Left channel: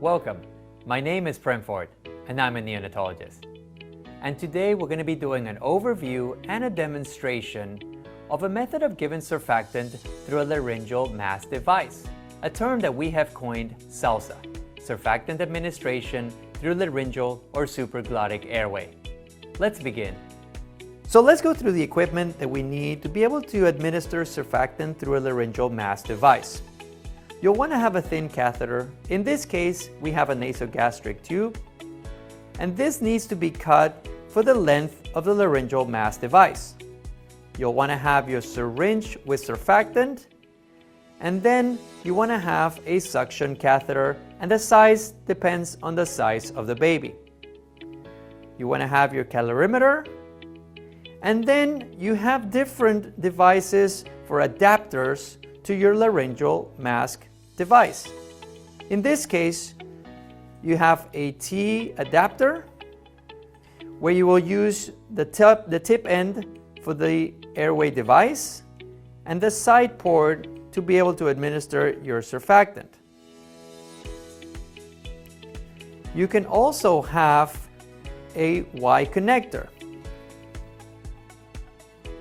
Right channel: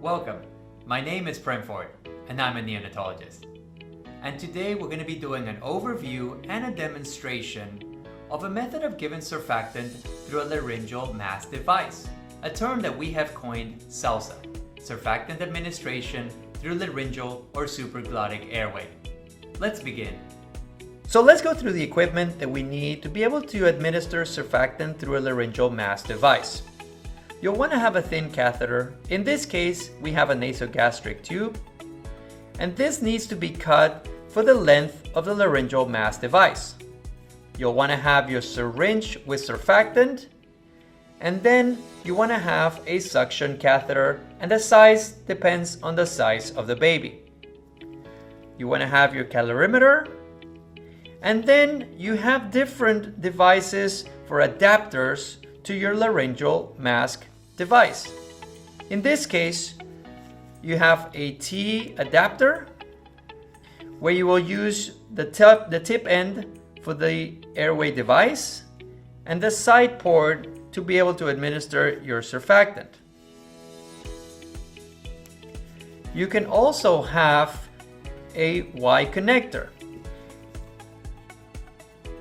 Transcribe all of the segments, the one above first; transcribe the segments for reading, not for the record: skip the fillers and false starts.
Welcome, my name is Premford and I'm a neonatologist. And today we're going to be doing an overview and a demonstration of a method of giving surfactant through a laryngeal mask device, a term that we have coined SALSA, Surfactant Administration through Laryngeal or Supraglottic Airway. Let's begin. So let's go through the equipment that we need to be able to administer surfactant through a laryngeal mask device. You'll want to have a thin catheter. In this case, we have a nasogastric tube, and this needs to be cut for the length of the laryngeal mask device. You'll want to have your syringe with surfactant, and then you want to have a suction catheter, and the size depends on the size of the baby. You want to have your calorimeter, and then you have different devices for adapters to your laryngeal mask device. In this case, you have a T adapter where you will use the tip end for the airway device and the side port to be able to administer your surfactant. You can also have a Y connector.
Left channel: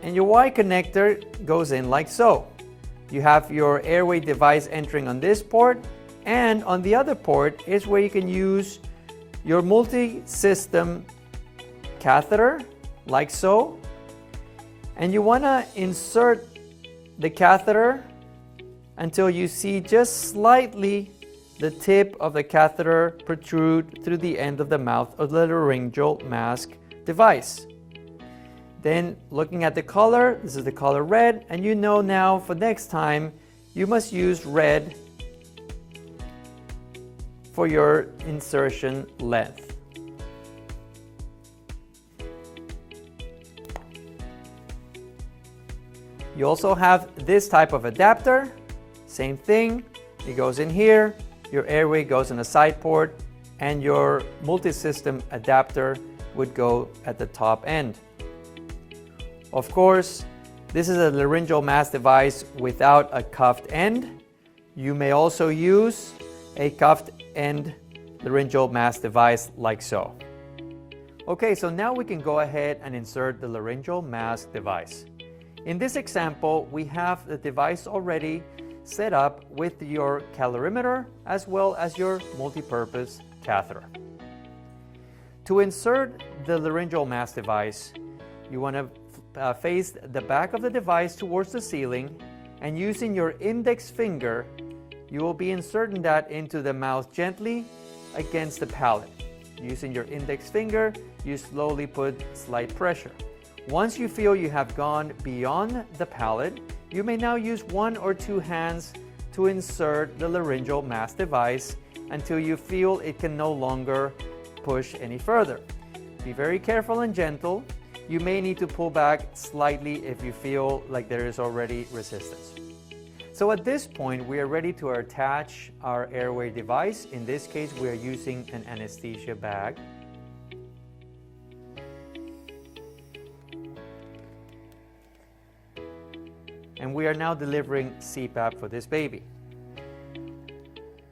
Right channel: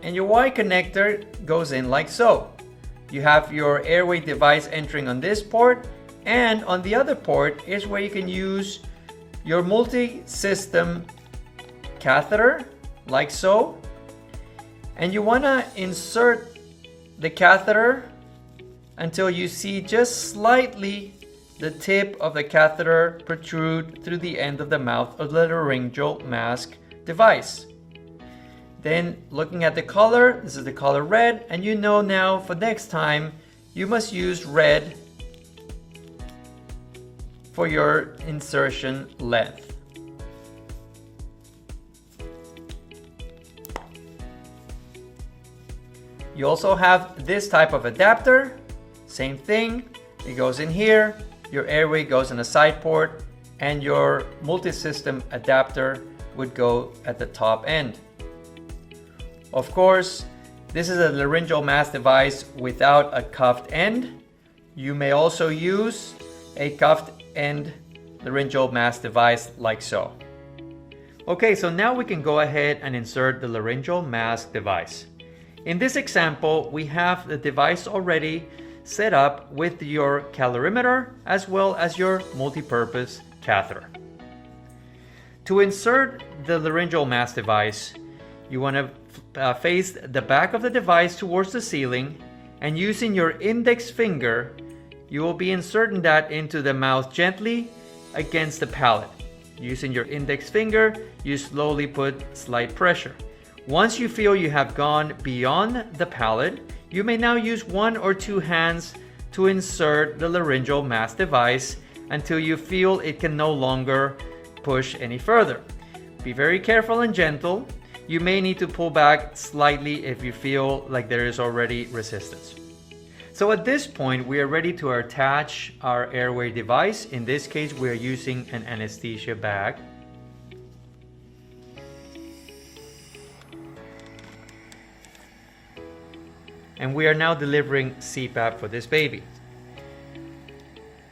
And your Y connector goes in like so. You have your airway device entering on this port, and on the other port is where you can use your multi-system catheter, like so. And you want to insert the catheter until you see just slightly the tip of the catheter protrude through the end of the mouth of the laryngeal mask device. Then, looking at the color, this is the color red, and you know now for next time you must use red for your insertion length. You also have this type of adapter, same thing, it goes in here, your airway goes in the side port, and your multi-system adapter would go at the top end. Of course, this is a laryngeal mask device without a cuffed end. You may also use a cuffed end laryngeal mask device like so. Okay, so now we can go ahead and insert the laryngeal mask device. In this example, we have the device already set up with your calorimeter as well as your multi-purpose catheter. To insert the laryngeal mask device, you want to face the back of the device towards the ceiling, and using your index finger, you will be inserting that into the mouth gently against the palate. Using your index finger, you slowly put slight pressure. Once you feel you have gone beyond the palate, you may now use one or two hands to insert the laryngeal mask device until you feel it can no longer push any further. Be very careful and gentle. You may need to pull back slightly if you feel like there is already resistance. So at this point, we are ready to attach our airway device. In this case, we are using an anesthesia bag. And we are now delivering CPAP for this baby.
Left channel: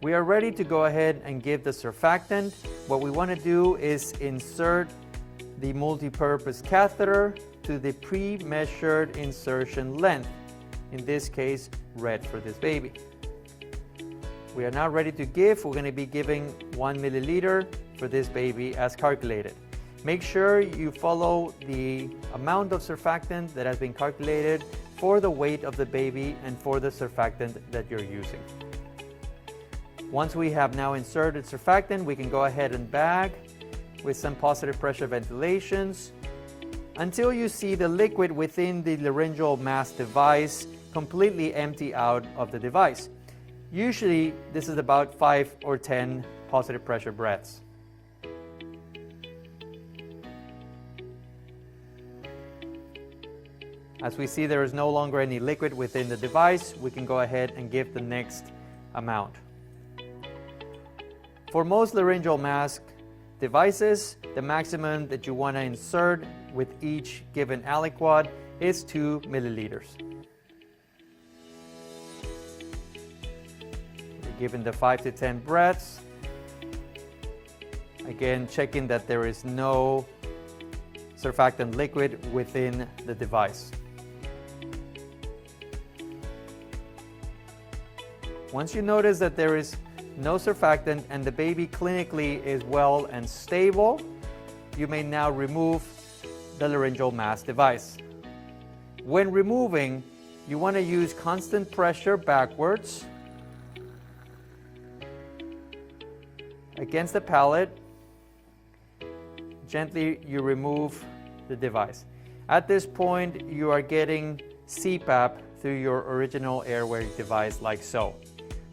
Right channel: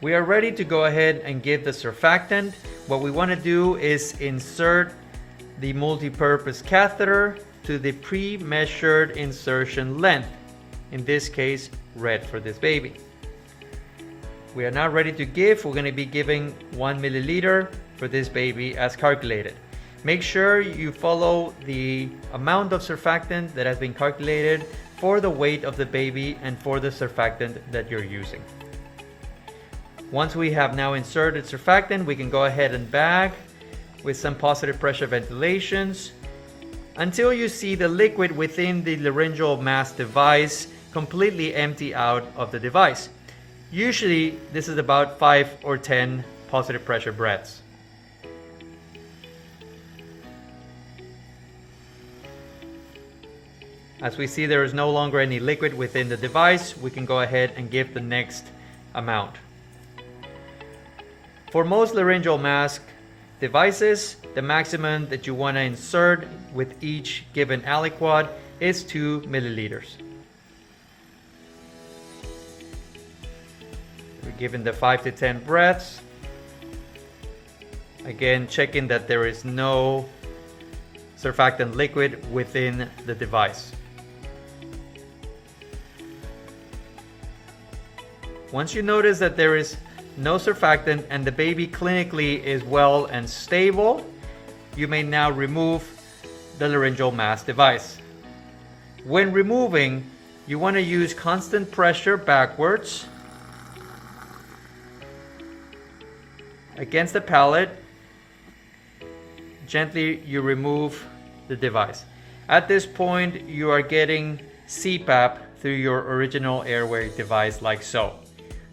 We are ready to go ahead and give the surfactant. What we want to do is insert the multi-purpose catheter to the pre-measured insertion length, in this case red for this baby. We are now ready to give. We're going to be giving 1 milliliter for this baby as calculated. Make sure you follow the amount of surfactant that has been calculated for the weight of the baby and for the surfactant that you're using. Once we have now inserted surfactant, we can go ahead and bag with some positive pressure ventilations until you see the liquid within the laryngeal mask device completely empty out of the device. Usually this is about 5 or 10 positive pressure breaths. As we see there is no longer any liquid within the device, we can go ahead and give the next amount. For most laryngeal mask devices, the maximum that you want to insert with each given aliquot is 2 milliliters. Given the 5 to 10 breaths, Again, checking that there is no surfactant liquid within the device. Once you notice that there is no surfactant and the baby clinically is well and stable, you may now remove the laryngeal mask device. When removing, you want to use constant pressure backwards against the palate. Gently you remove the device. At this point, you are getting CPAP through your original airway device like so.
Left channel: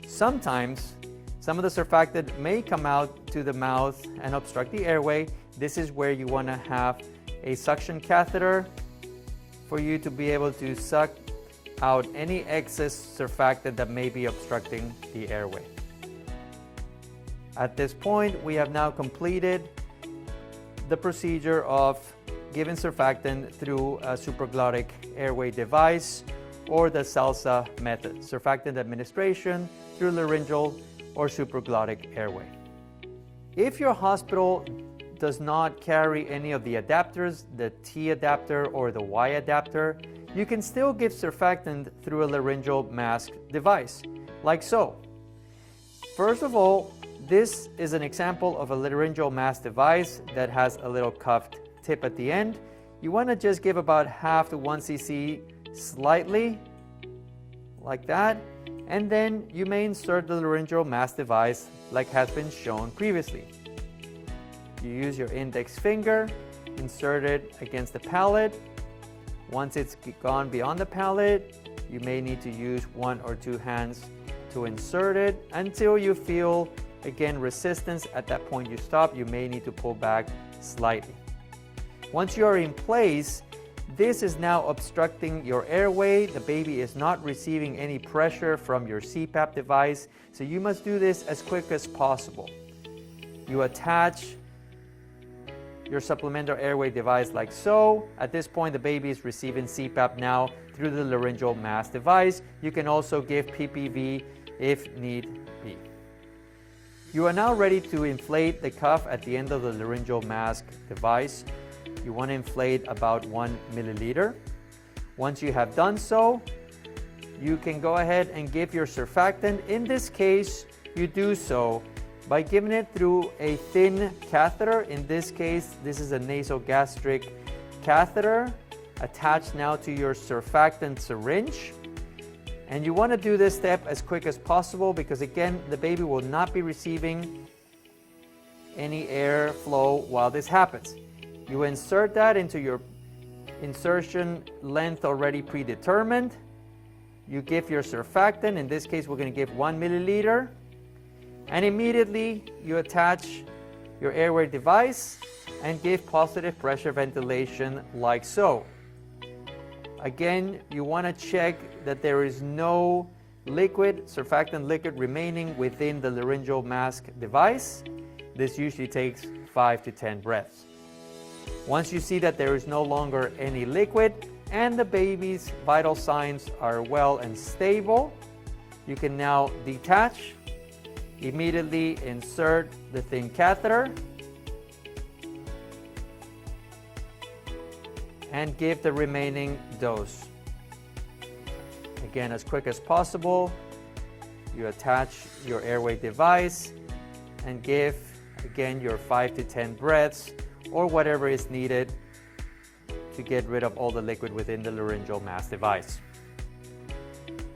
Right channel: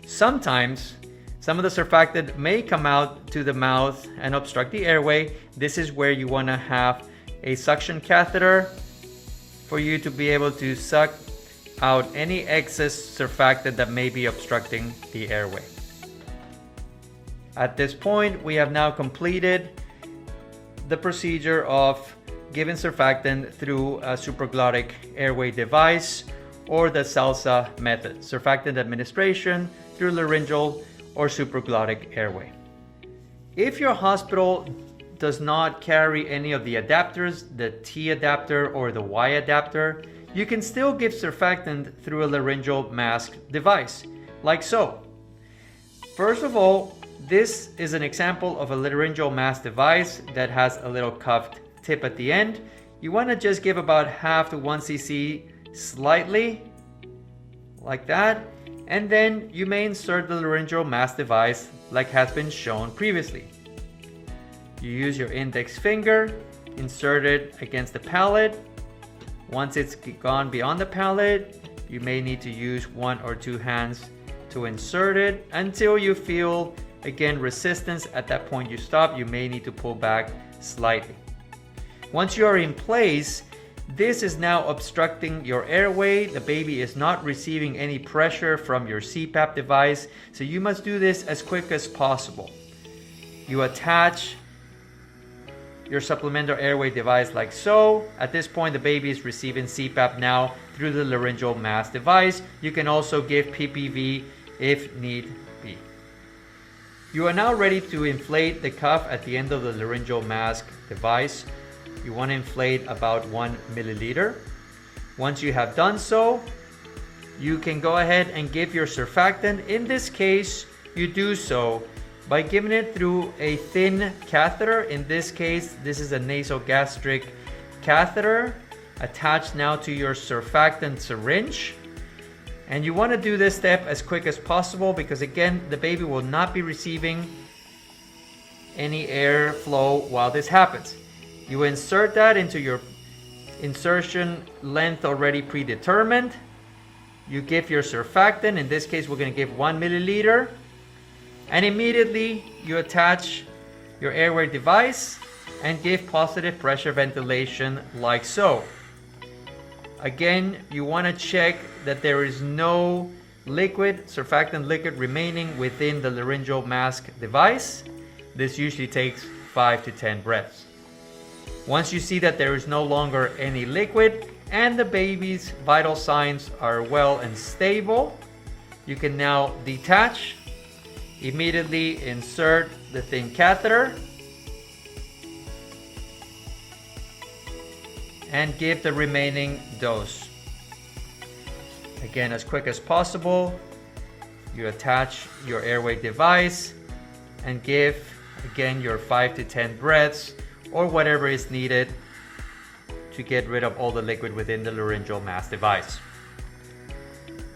Sometimes some of the surfactant may come out to the mouth and obstruct the airway. This is where you want to have a suction catheter for you to be able to suck out any excess surfactant that may be obstructing the airway. At this point, we have now completed the procedure of giving surfactant through a supraglottic airway device or the SALSA method, surfactant administration through laryngeal or supraglottic airway. If your hospital does not carry any of the adapters, the T adapter or the Y adapter, you can still give surfactant through a laryngeal mask device, like so. First of all, this is an example of a laryngeal mask device that has a little cuffed tip at the end. You want to just give about half to 1 cc slightly, like that, and then you may insert the laryngeal mask device like has been shown previously. You use your index finger, insert it against the palate. Once it's gone beyond the palate, you may need to use 1 or 2 hands to insert it until you feel again resistance. At that point you stop. You may need to pull back slightly. Once you are in place, this is now obstructing your airway. The baby is not receiving any pressure from your CPAP device, so you must do this as quick as possible. You attach your supplemental airway device like so. At this point, the baby is receiving CPAP now through the laryngeal mask device. You can also give PPV if need be. You are now ready to inflate the cuff at the end of the laryngeal mask device. You want to inflate about 1 milliliter. Once you have done so, you can go ahead and give your surfactant. In this case, you do so by giving it through a thin catheter. In this case, this is a nasogastric catheter attached now to your surfactant syringe. And you want to do this step as quick as possible because again, the baby will not be receiving any airflow while this happens. You insert that into your insertion length already predetermined. You give your surfactant. In this case, we're going to give 1 milliliter. And immediately you attach your airway device and give positive pressure ventilation like so. Again, you want to check that there is no liquid, surfactant liquid remaining within the laryngeal mask device. This usually takes 5 to 10 breaths. Once you see that there is no longer any liquid and the baby's vital signs are well and stable, you can now detach, immediately insert the thin catheter, and give the remaining dose. Again, as quick as possible, you attach your airway device and give again your 5 to 10 breaths or whatever is needed to get rid of all the liquid within the laryngeal mask device.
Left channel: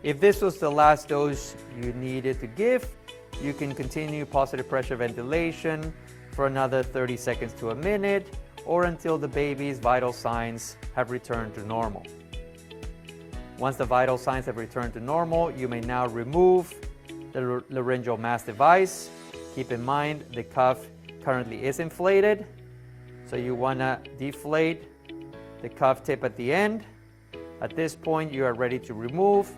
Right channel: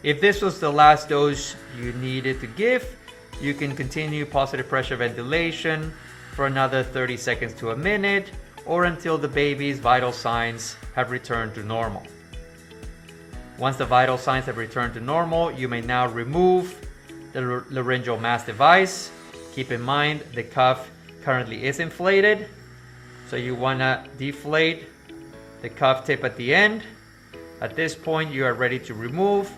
If this was the last dose you needed to give, you can continue positive pressure ventilation for another 30 seconds to a minute or until the baby's vital signs have returned to normal. Once the vital signs have returned to normal, you may now remove the laryngeal mask device. Keep in mind the cuff currently is inflated, so you want to deflate the cuff tip at the end. At this point, you are ready to remove,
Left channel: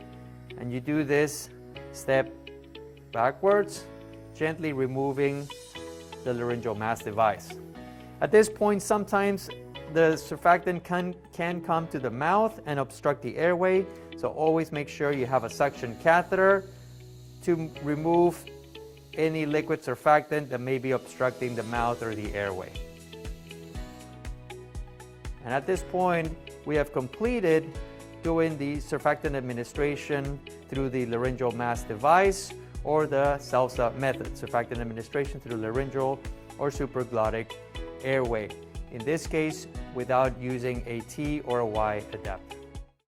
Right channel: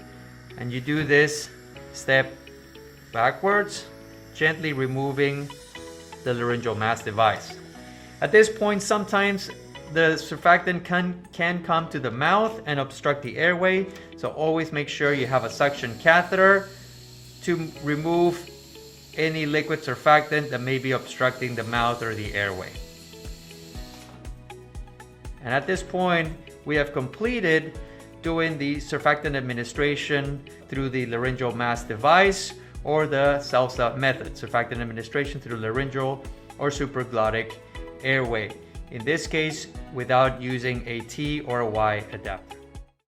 and you do this step backwards, gently removing the laryngeal mask device. At this point, sometimes the surfactant can come to the mouth and obstruct the airway, so always make sure you have a suction catheter to remove any liquid surfactant that may be obstructing the mouth or the airway. And at this point, we have completed doing the surfactant administration through the laryngeal mask device or the self-sup method, surfactant administration through laryngeal or supraglottic airway. In this case, without using a T or a Y adapter.